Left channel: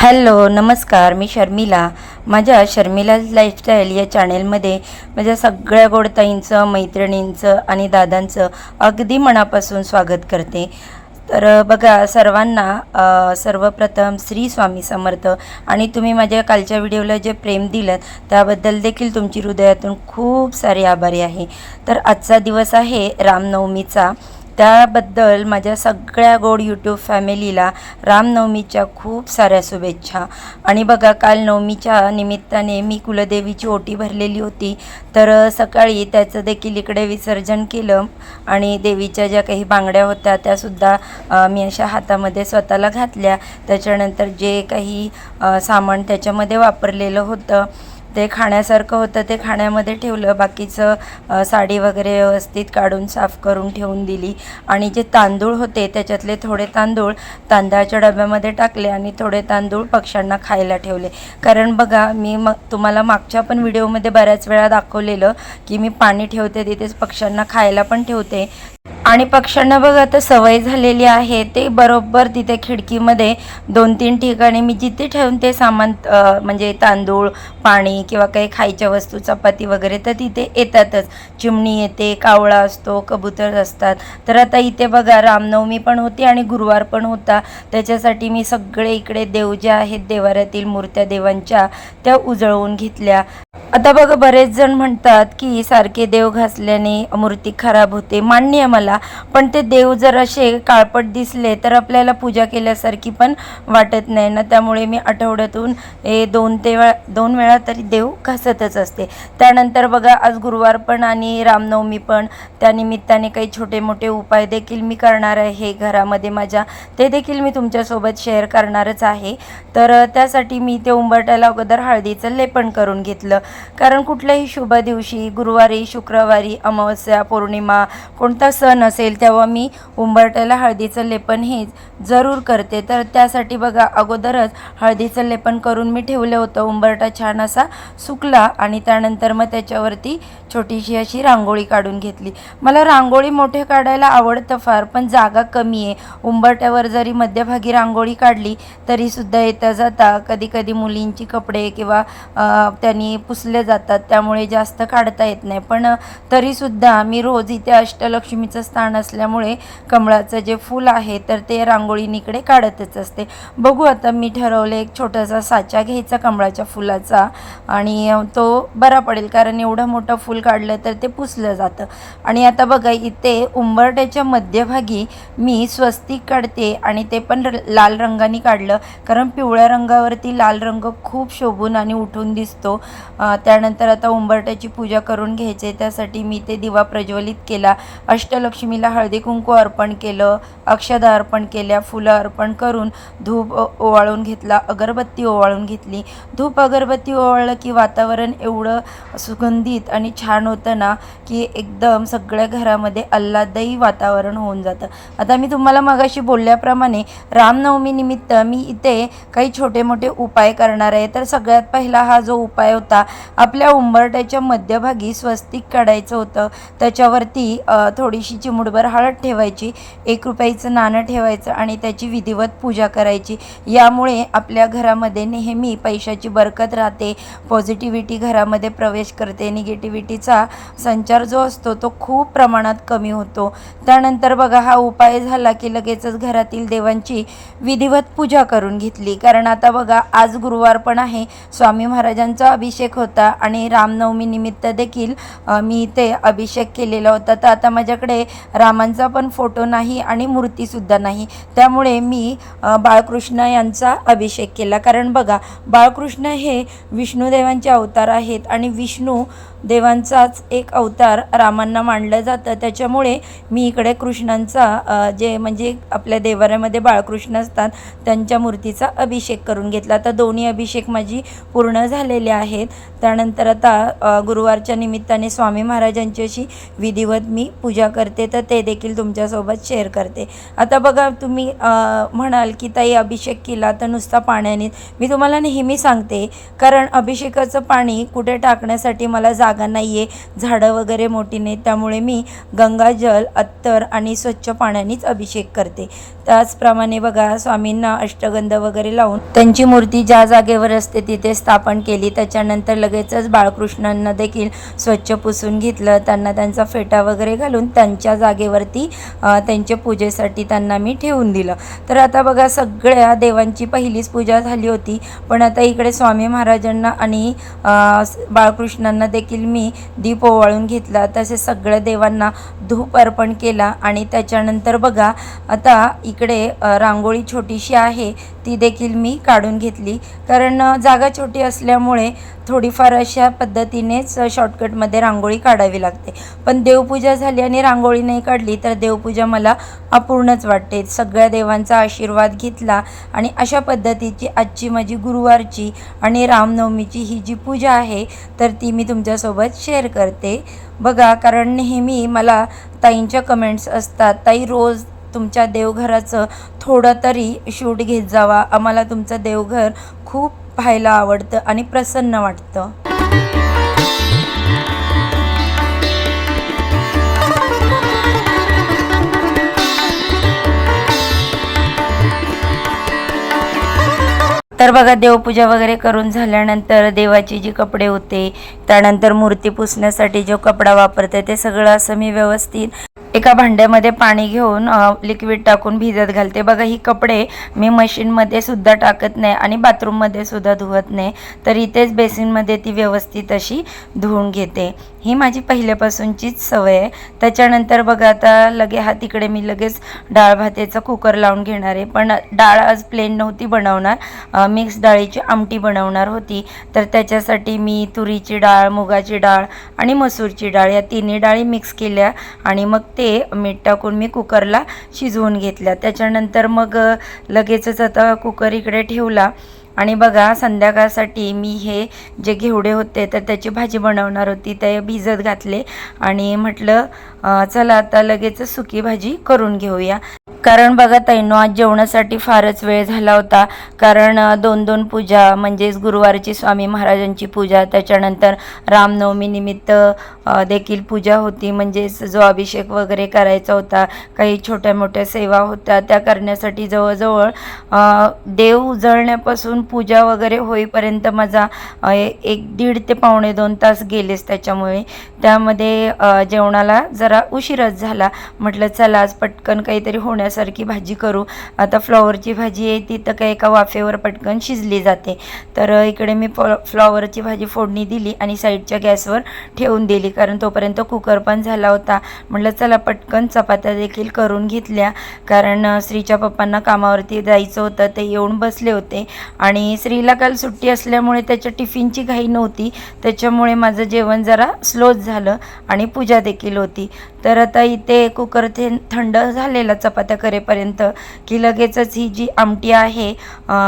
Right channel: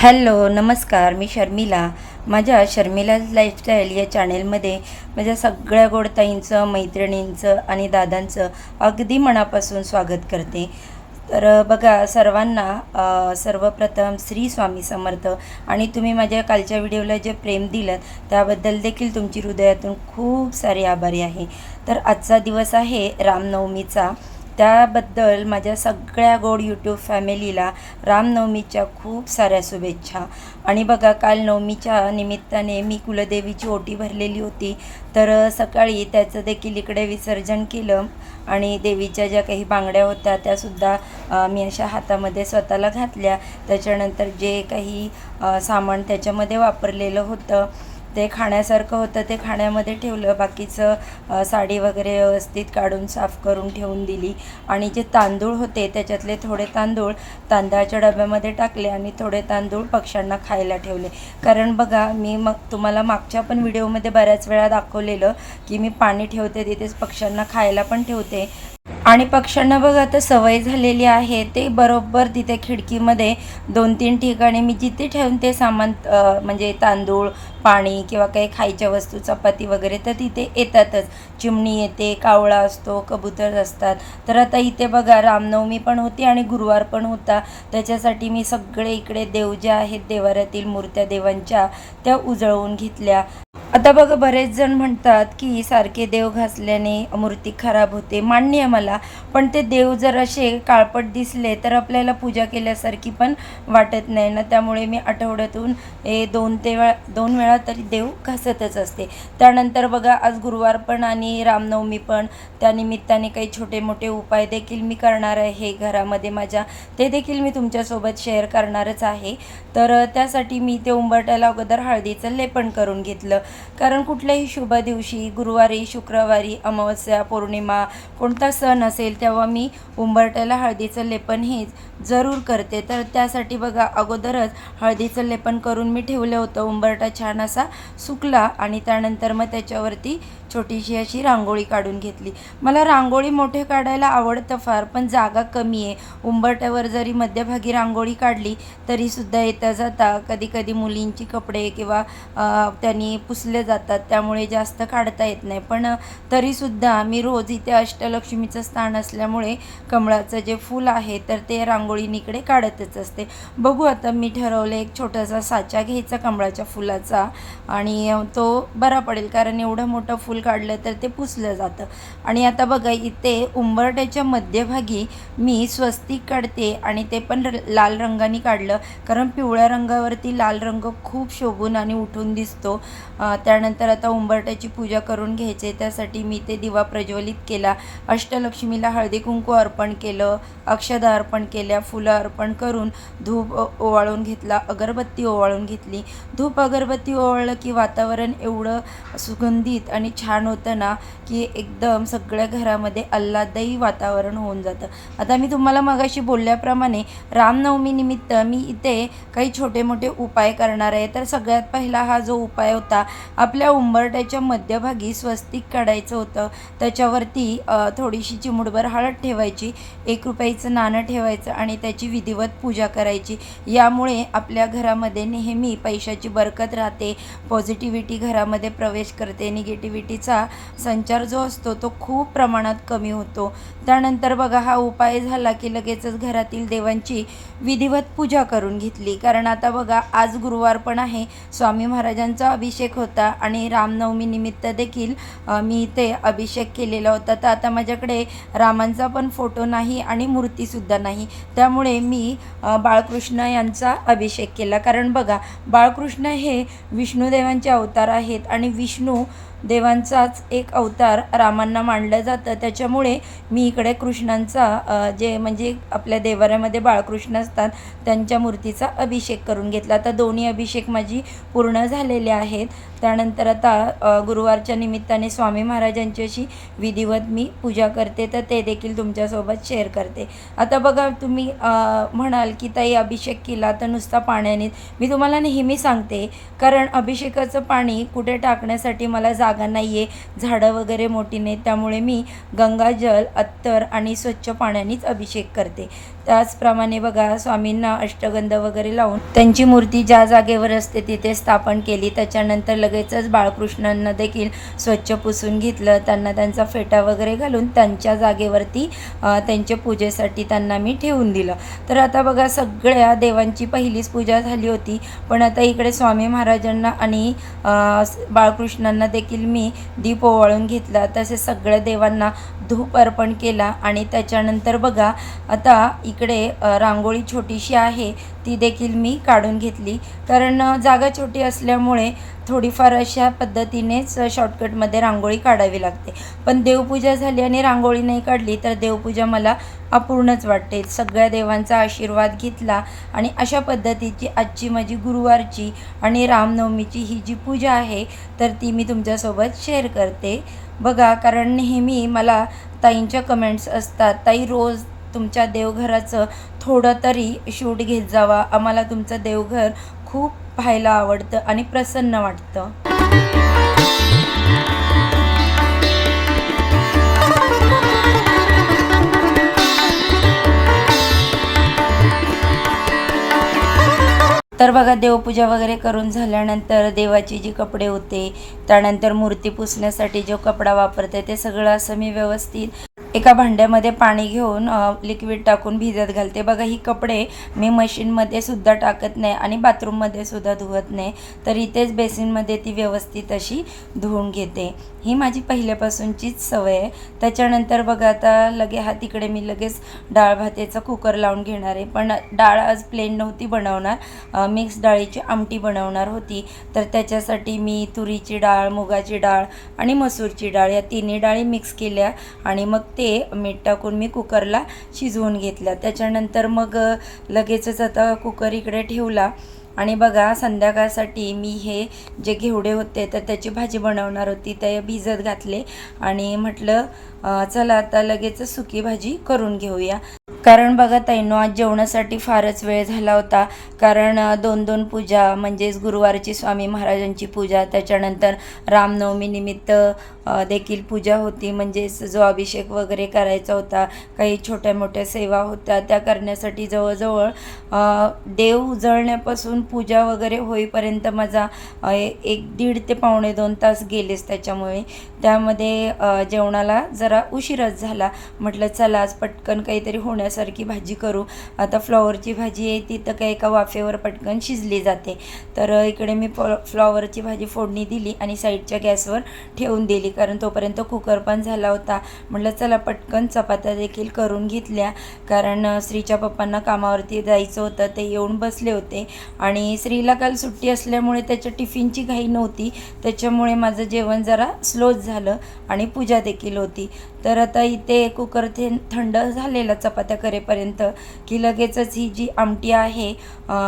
Hello नमस्कार, मी शर्मिला. माझ्या शर्मिलाज lifestyle या चॅनेलमध्ये माझ्या सगळ्या गोडताईंचं, मैत्रिणींचं आणि दादांचं अगदी मनापासून स्वागत करते. तर बघा सर्वांना सर्वप्रथम श्री स्वामी समर्थ. आणि तुम्ही माझ्या कालच्या व्हिडिओला जे प्रेम दिलं त्याबद्दल देखील तुमची हृदयातून खूप सारे आभारी आहे. तर आजचा दिवस आहे रामनवमीचा. त्याबद्दल माझ्या सगळ्या गोड यूट्यूब फॅमिलीला रामनवमीच्या खूप साऱ्या शुभेच्छा. आणि बघा काल नवमीच्या निमित्ताने मी कुलदेवीची ओटी भरलेली होती. तर सकाळी त्याचं देखील इकडे विसर्जन केलं आणि देवीच्या ज्या काही बांगड्या होत्या त्यासुद्धा मी अशा हातामध्ये स्वतःला घातल्या. त्याच्यानंतर जे काही सामान त्याच्यामध्ये वापरलेलं होतं ते खाण्यासारखं होतं ते खाण्यामध्ये ठेवलं. बाकीचं साडी वगैरे व्यवस्थित काढून साफ करून ठेवून दिली. आणि जे तांदूळ होते त्याच्यातले थोडे तांदूळ तांदळाच्या डब्यामध्ये टाकले आणि थोडे तांदूळ पक्ष्यांना खायला ठेवले. कारण बघा मी तुम्हाला मागच्या पण व्हिडिओमध्ये बऱ्याच वेळा दाखवलेलं की मी पाणी ठेवते तिथेच पक्ष्यांना खायला पण ठेवते. आणि पक्ष्यांना बघा आता सवय झालेली आहे, ते बरोबर तिथे खिडकीमध्ये 2-3 ठिकाणी मी जिथे ठेवून ते सामान म्हणजे तांदूळ, पाणी किंवा काही खायच्या वस्तू, चपाती वगैरे तर तिथे येतातच. चिमणी येते, कावळा असतो, कबूतर असतात. तर आता इथे बघा रामनवमी पण होती आणि गुरुवार पण होता. त्याच्यासाठी मी सगळे इकडे देव जे आहेत देवाऱ्यातील मूर्त्या देवांच्या त्या उजळवून घेतल्या. आता बघा बरेच जण म्हणतात की सारखे देव घासल्याने मूर्ती खराब होते. मान्य आहे मला, पण ते देव जर असे काळपट दिसले तर आपल्याला पूजा केल्यासारखी पण वाटत नाही ना. त्यामुळे मी आठवड्यातून 2 वेळा तरी देव घासतच असते. त्यानंतर बघा आज गुरुवार पण आणि रामनवमी पण, त्यानिमित्ताने काही छोटे मोठे उपाय देखील मी करणार आहे घरामध्ये माझ्या. ते देखील मी तुमच्यासोबत शेअर करणारच आहे. तर त्यासाठी मी ते उंबरठ्याला अगोदर हळदीचं लेपन करून घेतलं. कारण कुठल्याही शुभ दिवशी गुरुवारी, शुक्रवारी, अमावस्या, पौर्णिमा कोणता सण असेल तेव्हा मी उंबरठ्याला हळदीचं लेपन हे जरूर करते. तर त्यासाठी बघा अगोदरच हळदीचं लेपन करून मी ठेवलं होतं. उंबरठा छान असा सुकला आणि त्यानंतर मग त्याच्यावरती छोटीशी अशी रांगोळी काढून घेतली. मला रांगोळी मोठे काढायला आवडतं फार, पण जागा कमी आहे. उंबरठ्यावर जरी मध्यभागी रांगोळी काढली तरीसुद्धा येता जाता कधी कधी मुलींची कपडे किंवा त्यांनी पुसले जातात, त्यामुळे जास्त काढता येत नाही. पण तरीसुद्धा मी रोज इथे अष्टलक्ष्मीचं स्थान असल्यामुळे कमळाचं जे फूल आहे तर ते रांगोळीनीकडे काढतच असते. बघू आता मी ठरवलं एक छोटासा साचा घ्यायचा कमळाच्या फुलाचा आणि तो बरा पडेल, कारण एवढं मोठं फूल काढलं तर ते पुसलं जातं. आणि आता बघा इथे उंबरठ्याच्या मध्यभागी मी स्वस्तिक काढते आणि ते पण लाल रंगाने काढलं, कारण पिवळ्या रंगावरती लाल रंग खूप शोभून आणि उठून दिसतो. त्यानंतर आता उंबरठ्याची पूजा करून घ्यायचे. त्यासाठी मी ते दिवा प्रज्वलित केला, अष्टलक्ष्मीला हळदी कुंकू अर्पण केलं, अक्षदा अर्पण केल्या, फुलं अर्पण करून धूप ओवाळून घेतला, अगरबत्ती ओवाळून घेतली. धूप अगरबत्ती ओवाळलं की वातावरण एवढं सुगंधित आणि छान होतं ना की एकदम सगळ्या घरामध्ये आल्हाददायी वातावरण होऊन जातं. आता मी तुम्हाला मगाशी बोलल्याप्रमाणे रामनवमी निमित्त मी इथे काही छोटे मोठे उपाय करणार आहे. तर सगळ्यात पहिला हा जो उपाय होता, आपल्या उंबरठ्याच्या मध्यभागी स्वस्तिक काढायचं होतं. त्याच्यावरती थोडीशी चिमूटभर हळद ठेवायची, 1 रुपयाचं नाणं ठेवायचं आणि त्याची विधिवत पूजा करायची. यामुळे आपल्या घरामध्ये नेहमी पैशाची बरकत राहते, पॉझिटिव्हिटी घरामध्ये प्रवेश करते, निगेटिव्हिटीचा संचार जो असतो तो खूप प्रमाणात कमी होतो. त्यानंतर बघा हा उपाय झाला की लगेचच घरातील देवांची विधिवत पूजा करून घेतली. कारण आता बघा आज गुरुवार पण आहे, स्वामी महाराजांचा अभिषेक होता आणि रामनवमी निमित्त देखील मी इथे अभिषेक केलेला होता. तर आता माझ्याकडे रामांचा पण फोटो नाही आणि मूर्तीसुद्धा नाही, त्यामुळे मी बाळकृष्ण यांचा अभिषेक केला. कारण बघा बाळकृष्ण हे विष्णुदेवांचे अवतार आहेत आणि विष्णू देवांचाच एक अवतार रामांना मानलं जातं. त्याच्यामुळे मी इकडे कृष्णांचा जे म्हणजे आपल्या देवाऱ्यामध्ये बाळकृष्ण असतात त्यांच्या मूर्तीचा अभिषेक करून घेतला. आता दोन्ही अभिषेक माझी पूर्ण झालेले आहेत. त्यानंतर आता गुरुवारच्या निमित्ताने स्वामी महाराजांची अशी विधिवत मी पूजा करते, तर ते देखील तुमच्यासोबत शेअर करते. आता बघा तुम्ही म्हणाल की ताई अभिषेक केला तर नुसता पाण्याने. मी तुम्हाला नेहमी सांगते, कारण अभिषेकाचं पाणी कुठे टाकण्यासाठी मला जागा नाही आहे, झाडं वगैरे मोठी नाहीत, त्यामुळे मी गंगाजल, अत्तर आणि स्वच्छ पाण्यानेच अभिषेक करते. त्याचप्रमाणे बघा स्वामींना अष्टगंध वगैरे लावून त्यांची मूर्ती ज्या जागेवर असते तिथे स्थापन केली. त्याच्यानंतर लगेचच बाळकृष्णांना देखील स्वच्छ पुसून घेतलं. त्यांना त्यांचा फेटा वगैरे घालून त्यांच्या जागेवरती त्यांच्या पूजेसाठी त्यांना मी ठेवून दिलं. तर आता बघा सगळ्या देवांची पहिलीच पूजा झाली होती, पण आता इकडे स्वामी महाराजांना आणि बाळकृष्णांना देखील मी दीप ओवाळून घेतला. तसेच सगळ्या देवांना धूप अर्पण केला. आणि त्याच्यानंतर बघा आता इकडे रांगोळी छोटीशी आहे ती देखील मी काढून घेतली, कारण जागा छोटी असल्यामुळे थोडीफार अशा पद्धतीनेच शॉर्टकटमध्ये रांगोळी काढावी लागते. पण देवपूजा झाली आणि रांगोळी नाही काढली तर देवपूजा मला अपूर्णच वाटते. सगळ्या देवांचा आशीर्वाद घेतला आणि अशा पद्धतीची आजची माझी गुरुवारची आणि रामनवमीची ही जी पूजा आहे तर ती मी तुमच्यासोबत शेअर करते. बघा, कारण नेहमी मला ताईंच्या कमेंट्स असतात, ताई रोज तुमच्या देवघराचं थोडं तरी शूट घेत जावा, आम्हाला तुमचं देवघर खूप पाहायला आवडतं आणि प्रसन्न वाटतं. तर बघा देवपूजा वगैरे करून झाल्यानंतर देवाची जी कपडे होते, त्यानंतर मूर्ती पुसण्यासाठी जो कपडा वापरते ते सगळं असं मी व्यवस्थित एका भांड्यामध्ये पाणी घेऊन लिक्विड टाकून भिजत घालते. बघा ही कपडे मी मशीनमध्ये सुद्धा टाकत नाही आणि बाथरूममध्ये सुद्धा धुवत नाही, तर इथेच बेसिनमध्ये ती व्यवस्थित अशी धुवून घेते. ही माझी पहिल्यापासूनचीच सवय आहे. त्याच्यानंतर बघा आता तिकडे मी लगेच डाळ भाताचा कुकर लावून घेणार आहे. पण डाळ आज प्लेन नव्हती बनवणार, मिक्स डाळीची आमटी बनवणार होती. तर त्याच्यासाठी मी तुरीची डाळ, मुगाची डाळ आणि मसूरची डाळ या तिन्ही डाळी मिक्स केल्या आणि मग ते मीठ टाकून मी कुकरला शिजवून घेतल्या. त्याच्यानंतर मग लगेचच आता कुकर इकडे ठेवला आणि बघा संध्याकाळसाठी मी हे जे घेवडे होते तर त्याची भाजी बनवणार होती, ते भिजत घातले आणि म्हटलं चला आता लगेच सुकी भाजी करून घेऊया. कारण बघा ताईंनो, आज जेवणासाठी फारच वेळ झाला होता, कारण 2 पूजा, म्हणजेच गुरुवारची स्वामी महाराजांची पूजा, त्याच्यानंतर रामनवमी निमित्त देखील पूजा होती, म्हणजेच जो अभिषेक वगैरे करायचा होता, काही छोट्या मोठ्या सेवा होत्या त्या करण्यासाठी जवळजवळ देव उजळण्यापासून पूजा वगैरे होईपर्यंत माझा 1-1.5 ते 2.25 तास गेलेच. त्यामध्ये जेवणाला जरा उशीरच झाला. म्हटलं चला आज पटकन काहीतरी होण्यासारखी भाजी करू. आता फ्लॉवरची भाजी आहे ती तर काही एका वाफेवर पटकन शिजली जाते. तर इकडे मी फ्लॉवरची भाजी फोडणी दिली आणि साईडच्या गॅसवर ठेवून दिली, कारण तोपर्यंत कुकर पण झाला होता. म्हटलं चला पटकन चपात्या देखील करून घेतल्या, कारण श्रीच्या पप्पांना कामावरती जायचं होतं, ते येऊन बसले होते आणि श्रीला काल सुट्टी असल्यामुळे त्याच्या टिफिनची घाई नव्हती, त्याच्यामुळे माझं जेवण जरा स्लोच झालं आणि पूजा देखील होती. तर आता इथे कुकर थंड झालेला चपात्या करेपर्यंत की लगेचच ही जी आमटी आहे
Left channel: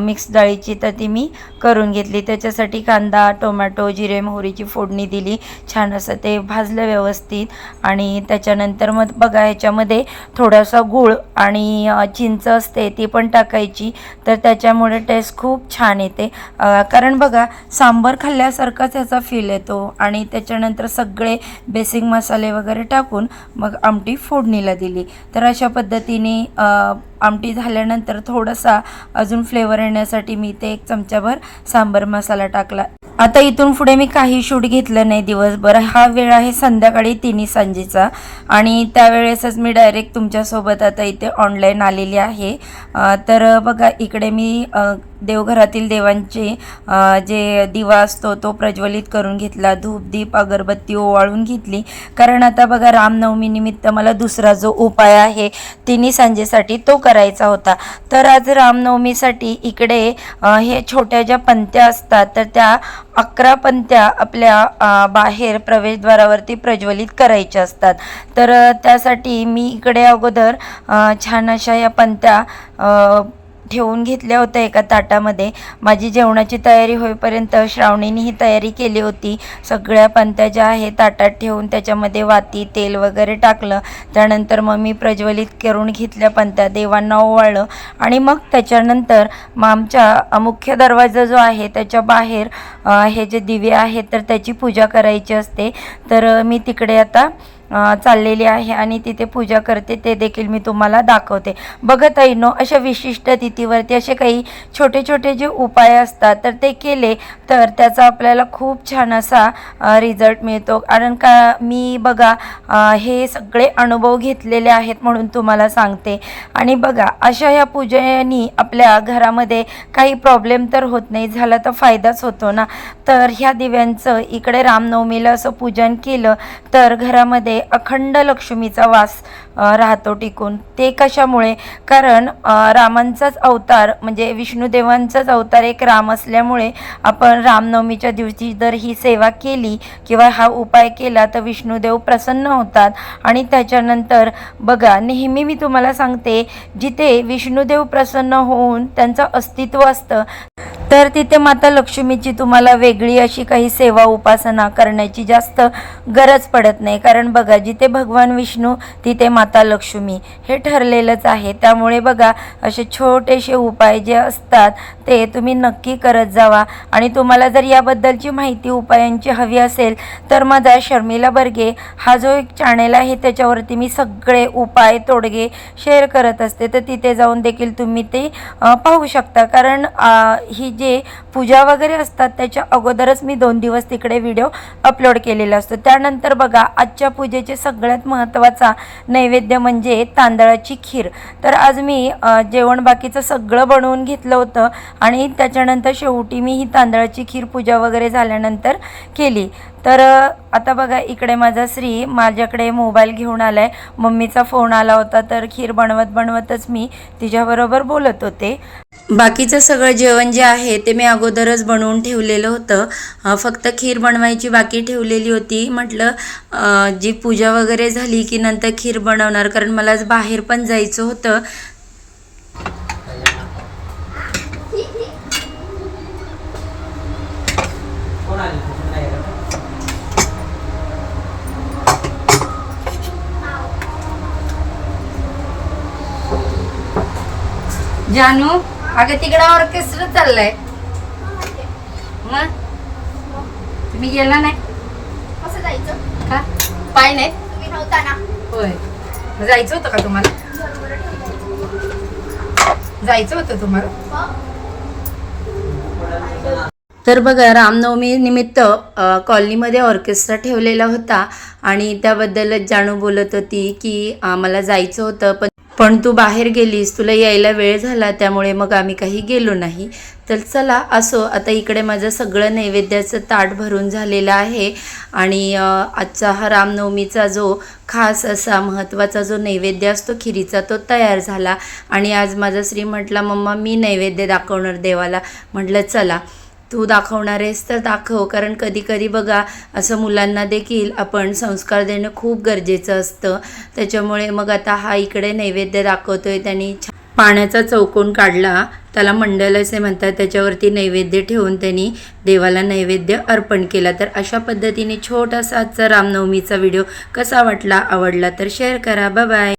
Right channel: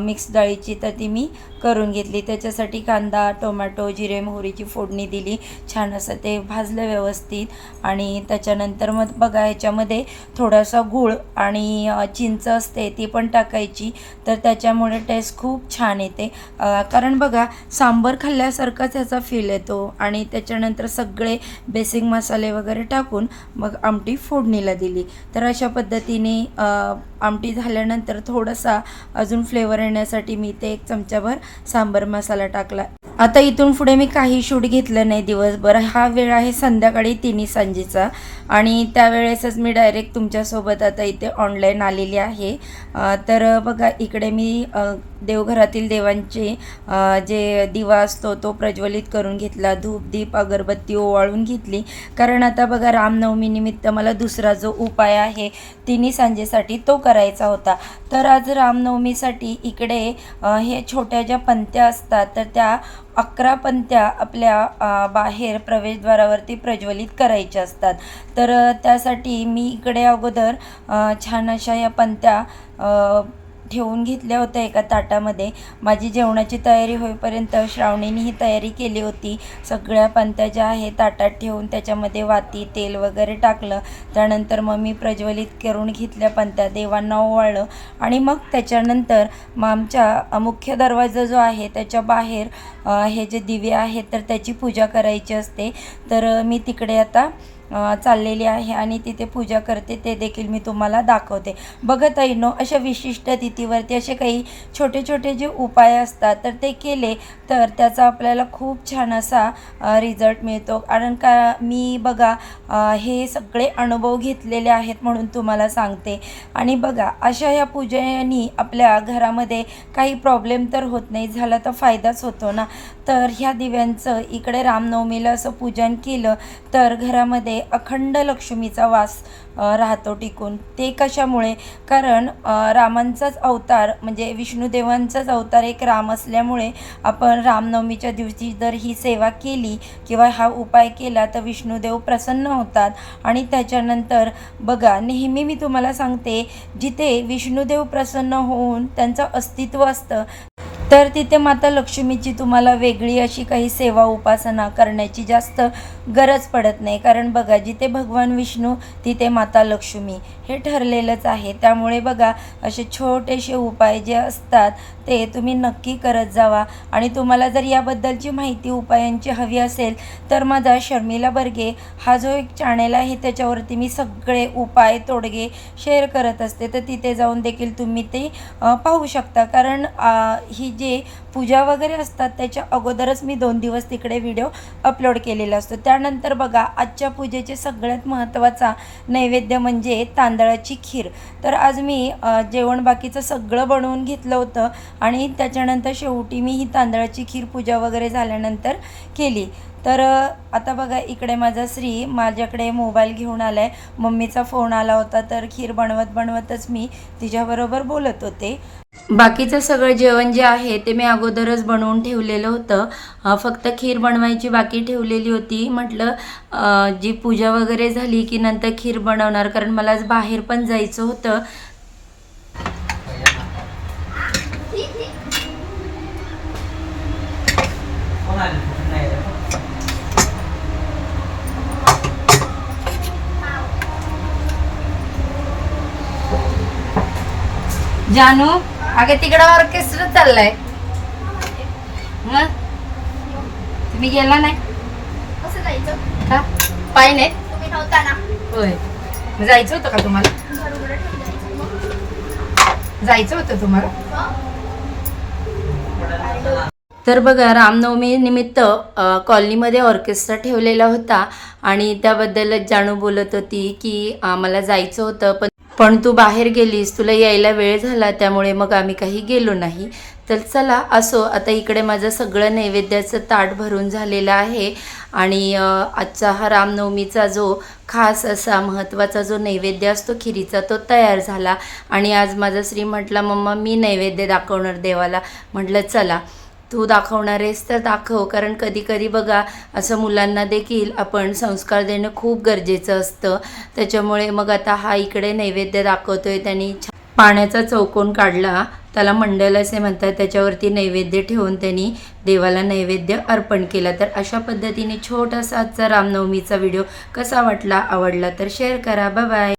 मिक्स डाळीची तर ती मी करून घेतली. त्याच्यासाठी कांदा, टोमॅटो, जिरे मोहरीची फोडणी दिली, छान असं ते भाजलं व्यवस्थित आणि त्याच्यानंतर मग बघा ह्याच्यामध्ये थोडासा गूळ आणि चिंच असते ती पण टाकायची, तर त्याच्यामुळे टेस्ट खूप छान येते. कारण बघा सांबर खाल्ल्यासारखाच याचा फील येतो. आणि त्याच्यानंतर सगळे बेसिक मसाले वगैरे टाकून मग आमटी फोडणीला दिली. तर अशा पद्धतीने आमटी झाल्यानंतर थोडासा अजून फ्लेवर येण्यासाठी मी ते 1 चमचाभर सांबर मसाला टाकला. आता इथून पुढे मी काही शूट घेतलं नाही दिवसभर. हा वेळ आहे संध्याकाळी 3 सांजेचा आणि त्यावेळेसच मी डायरेक्ट तुमच्यासोबत आता इथे ऑनलाईन आलेली आहे. तर बघा इकडे मी देवघरातील देवांचे जे दिवा असतो तो प्रज्वलित करून घेतला, धूप दीप अगरबत्ती ओवाळून घेतली, कारण आता बघा रामनवमी निमित्त मला दुसरा जो उपाय आहे 3 सांजेसाठी तो करायचा होता. तर आज रामनवमीसाठी इकडे हे छोट्या ज्या पंत्या असतात तर त्या 11 पंत्या आपल्या बाहेर प्रवेशद्वारावरती प्रज्वलित करायच्या असतात. तर त्यासाठी मी इकडे अगोदर छान अशा या पंत्या ठेवून घेतल्या होत्या एका ताटामध्ये. माझी जेवणाची तयारी होईपर्यंत श्रावणीने ही तयारी केली होती. सगळ्या पंत्या ज्या आहे ताटात ठेवून त्याच्यामध्ये वाती तेल वगैरे टाकलं. त्यानंतर मग मी प्रज्वलित करून घेतल्या पंत्या, देवांना ओवाळलं आणि मग त्याच्यानंतर मग आमच्या मुख्य दरवाजा जो आहे त्याच्या बाहेर हे जे दिवे आहेत तर त्याची पूजा करायची असते. तर मी तिकडे आता चाललेली आहे आणि तिथे पूजा करते, ते देखील मी तुम्हाला दाखवते. बघत ऐनो अशा विशिष्ट तिथीवरती असे काही छोटे छोटे जे उपाय असतात तर ते केले तर त्याचा आपल्याला खूप छान असा रिझल्ट मिळतो. कारण का मी बघा हे सगळे अनुभव घेतलेले आहेत म्हणून तुम्हाला सांगते. आणि बघा अशा ह्या पूजेनी आपल्या घरामध्ये काही प्रॉब्लेम तर होत नाही, झाला तर फायदाच होतो ना. तर ह्या दिव्यांचं इकडे रामनवमीला असं पूजन केलं तर घरामध्ये अखंड लक्ष्मीचा वास राहतो टिकून. ते कशामुळे? कारण रामांचाच अवतार म्हणजे विष्णुदेवांचाच अवतार एक राम असल्यामुळे आपण रामनवमीच्या दिवशी जर ही सेवा केली किंवा हा उपाय केला तर विष्णुदेव प्रसन्न होतात. आणि त्याच्यानंतर बघा नेहमी मी तुम्हाला सांगते, जिथे विष्णुदेव प्रसन्न होऊन त्यांचं अस्तित्व असतं तर तिथे माता लक्ष्मीची तुम्हाला वेगळी अशी काही सेवा उपासना करण्याची जास्त गरज पडत नाही. कारण बघा जिथे भगवान विष्णू तिथे माता लक्ष्मी हे ठरलेलंच आहे. त्यामुळे बघा असे छोटेसे उपाय जे असतात ते तुम्ही नक्की करत जावा. आणि तुम्हाला जर याबद्दलची माहिती उपायांची हवी असेल तर माझा शर्मिला बर्गे हा जो एक चॅनेल आहे त्याच्यावरती मी सगळे उपाय तोडगे शेअर करत असते, तर तिथे जाऊन देखील तुम्ही ते पाहू शकता. कारण ही जे पूजा वगैरे असतात त्याच्या अगोदरच मी 2 दिवस तिकडे व्हिडिओ अपलोड केलेला असतो. त्यानंतर बघा आजच्या पूजेचे सगळ्यात महत्त्वाचा नैवेद्य म्हणजे तांदळाची खीर. तर आज मी जेवण बाकीचं सगळं बनवून घेतलं होतं आणि त्याच्यानंतर शेवटी मी ही तांदळाची खीर पूजा वगैरे झाल्यानंतर केली. तर आता बघा इकडे माझा श्री माझ्याकडे मोबाईल घेऊन आला आहे. मम्मीचा फोन आला होता तर खीर बनवतच मी तिच्याबरोबर बोलत होते. बाकीचं सगळं जेवण जे आहे ते मी अगोदरच बनवून ठेवलेलं होतं. फक्त खीर बनवायची बाकी ठेवलेली होती. म्हटलं जी पूजा वगैरे झाली की नंतर खीर बनवणार, कारण मला आज बाहेर पण जायचं होतं. जानू अगं तिकडं ऑर्केस्ट्रा चाललाय, मग तुम्ही गेला नाही? कसं जायचं? का पाय नाही? तुम्ही नव्हता ना. होय, मग जायचं होतं का तुम्हाला? जायचं होतं तुम्हाला? तर बघा रामनवमी निमित्त कॉलनीमध्ये ऑर्केस्ट्रा ठेवलेला होता आणि त्याबद्दलच जानू बोलत होती की मला जायचं होतं पण तू बाहेर गेलीस, तुला यायला वेळ झाला त्यामुळे मग आम्ही काही गेलो नाही. तर चला असो, आता इकडे माझं सगळं नैवेद्याचं ताट भरून झालेलं आहे आणि आजचा हा रामनवमीचा जो खास असा महत्त्वाचा जो नैवेद्य असतो खिरीचा तो तयार झाला. आणि आज माझा श्री म्हटला मम्मा मी नैवेद्य दाखवणार देवाला. म्हटलं चला तू दाखवणार आहेस तर दाखव, कारण कधी कधी बघा असं मुलांना देखील आपण संस्कार देणं खूप गरजेचं असतं. त्याच्यामुळे मग आता हा इकडे नैवेद्य दाखवतोय. त्यांनी पाण्याचा चौकोन काढला, त्याला मंडल असे म्हणतात, त्याच्यावरती नैवेद्य ठेवून त्यांनी देवाला नैवेद्य अर्पण केला. तर अशा पद्धतीने छोटासा आजचा रामनवमीचा व्हिडिओ कसा वाटला, आवडला तर शेअर करा. Bye bye.